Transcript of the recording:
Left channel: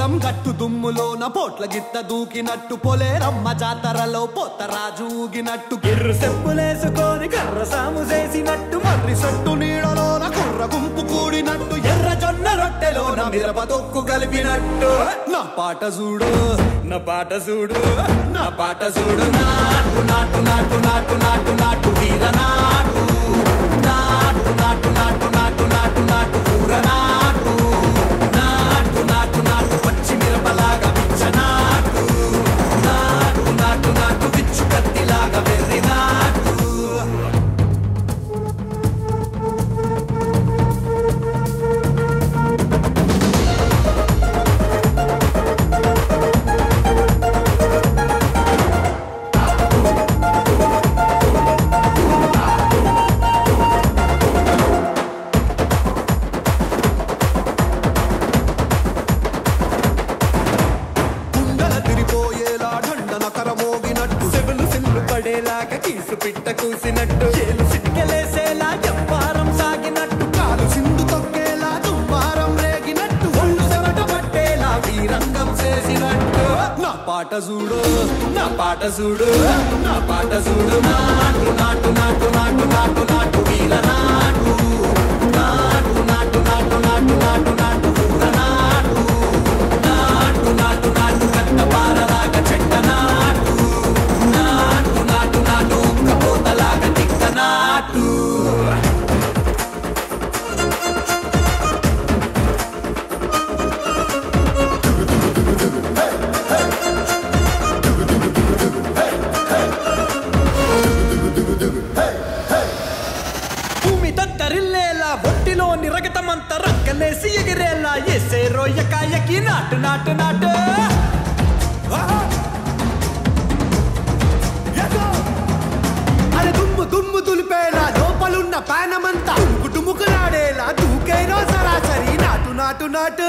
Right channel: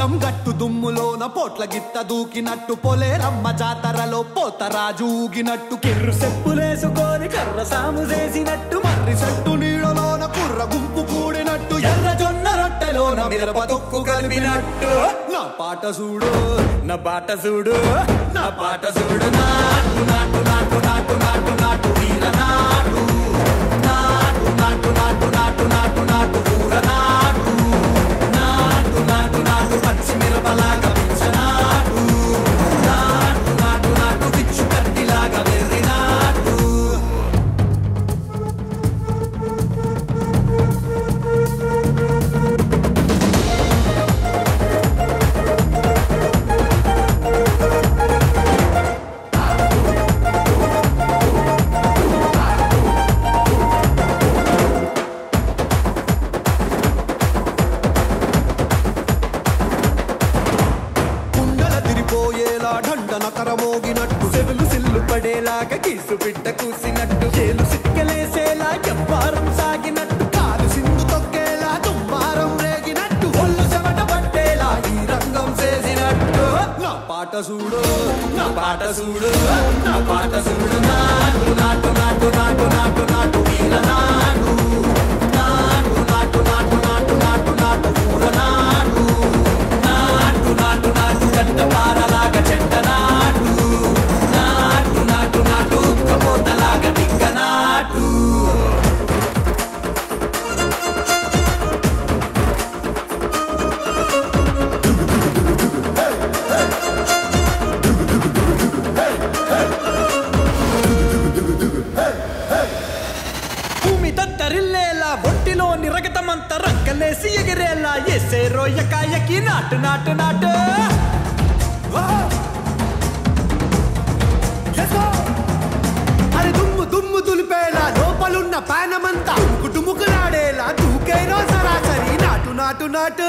పొలం గట్టు దుమ్ములోన పోట్ల గిట్ట దూకినట్టు పొలేరమ్మ జాతరలో పోతరాజు ఊగినట్టు కిర్రు చెప్పులేసుకొని కర్ర సాము చేసినట్టు మర్రి సొట్టు నీడలోన కుర్ర గుంపు కూడినట్టు ఎర్ర జొన్న రొట్టెలోన మిరప దొక్కు కలిపినట్టు నా పాట చూడు నా పాట చూడు నా పాట చూడు నాటు నాటు నాటు నాటు నాటు నాటు వీర నాటు నాటు నాటు నాటు నాటు నాటు నాటు పూర నాటు నాటు నాటు నాటు పచ్చి మిరపలాగా పిచ్చ నాటు నాటు నాటు నాటు పిచ్చు కత్తిలాగా వెర్రి నాటు నా పాట చూడు నా పాట చూడు నాటు నాటు నాటు నాటు నాటు నాటు వీర నాటు నాటు నాటు నాటు నాటు నాటు నాటు పూర నాటు నాటు నాటు నాటు గట్ట పారలాగా చెట్ట నాటు నాటు నాటు నాటు ఉక్కపోతలాగా టిక్క నాటు తత్తరిల్లేలా ఒంటిలోని రగతమంతా రక్కలేసి ఎగిరేలా ఎసే రోయకాయకి నాటు నాటు నాటు అరే దుమ్ము దుమ్ము దులిపేలా లోపలున్న పానమంతా డుముకులాడేలా దూకేనో సరాసరి నాటు నాటు నాటు